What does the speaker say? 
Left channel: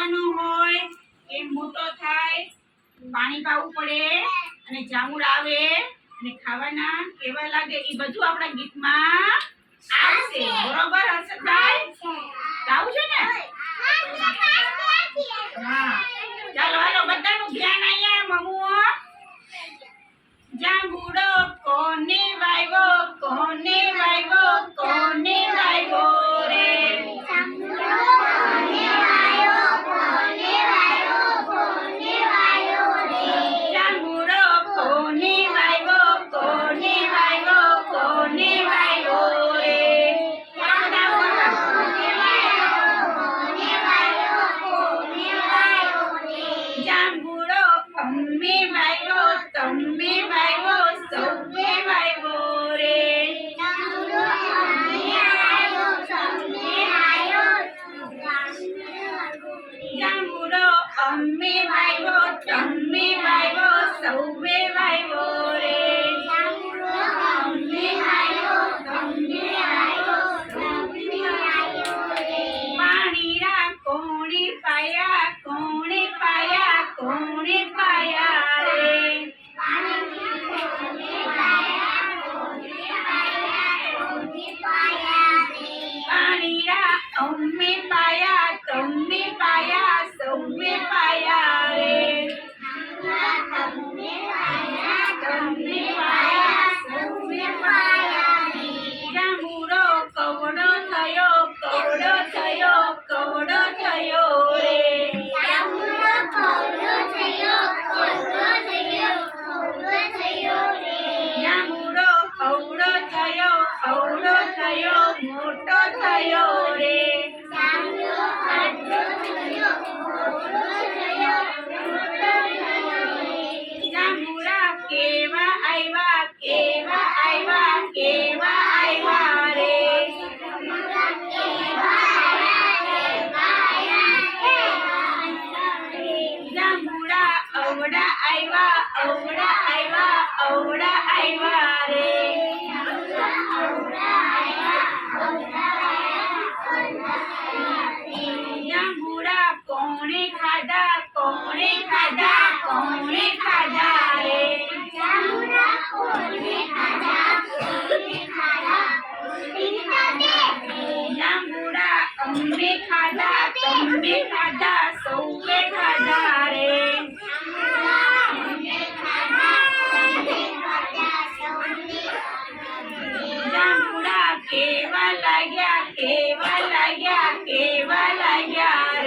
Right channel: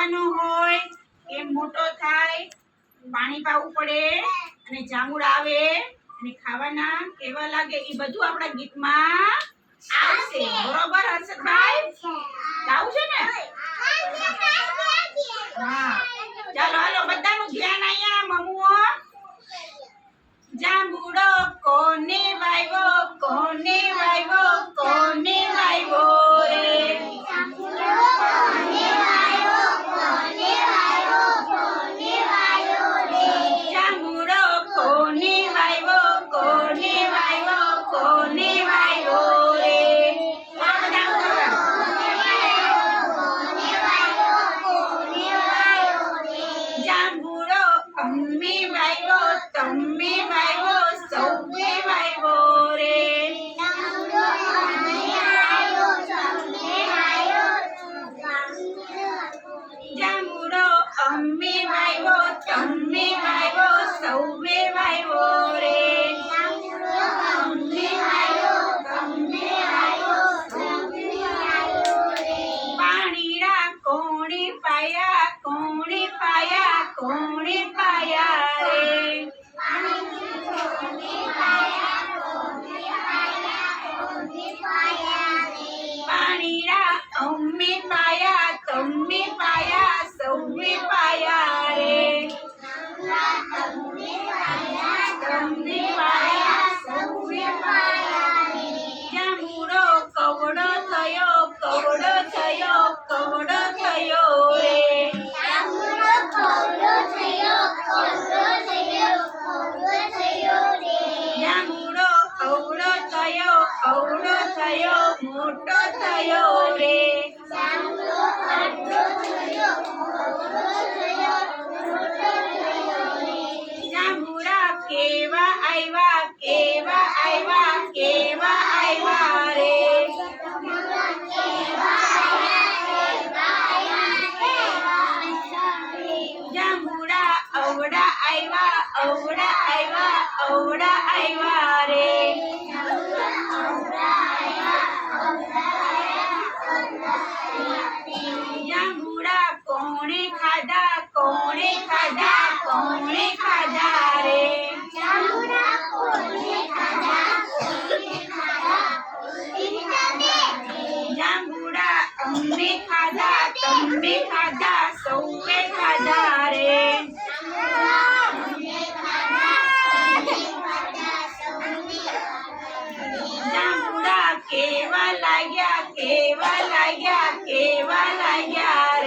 નાવાનો હોય કેમ મોટો થાય પાણી પાવું પડે અને જામુડ આવે અને ખાવાના કેવા લાગે એ બધું આપણા ગીતમાં આવશે બરોબર હર્ષદભાઈ ગાવું છે ને હા ચાલો હાલો બધાનું ધ્યાન અહીંયા મમ્મુઓ જાંબુડો કોને વાવ્યો કોને વાવ્યો કોને વાવ્યો રે જાંબુડો કોને વાવ્યો કોને વાવ્યો કોને વાવ્યો રે જાંબુડો કોને વાવ્યો કોને વાવ્યો કોને વાવ્યો રે જાંબુડો અમે વાવ્યો તમે વાવ્યો સૌએ વાવ્યો રે જાંબુડો અમે વાવ્યો તમે વાવ્યો જાંબુડો અમે વાવ્યો તમે વાવ્યો સૌએ વાવ્યો રે જાંબુડો અમે વાવ્યો તમે વાવ્યો સૌએ વાવ્યો રે પાણીડા કોણે પાયા કોણે પાયા કોણે પાયા રે પાણીડા અમે પાયા તમે પાયા સૌએ પાયા રે તમે પાયા સૌએ પાયા રે જાંબુડો કવડો થયો કવડો થયો કવડો થયો રે જાંબુડો કવડો થયો કવડો થયો કવડો થયો રે જાંબુડો કવડો થયો કવડો થયો મોટો થયો રે જાંબુડો કવડો થયો કવડો થયો મોટો થયો રે જાંબુડા કેવા આવ્યા કેવા આવ્યા કેવા આવ્યા રે જાંબુડા કેવા જાંબુડા અવડા આવ્યા અવડા આવ્યા અવડા આવ્યા રે જાંબુડા કોણે ખાધા કોણે ખાધા કોણે ખાધા રે જાંબુડા કોણે ખાધા કોણે ખાધા જાંબુડા અમે ખાધા તમે ખાધા સૌએ ખાધા રે જાંબુડા કેવા લાગ્યા કેવા લાગ્યા કેવા લાગ્યા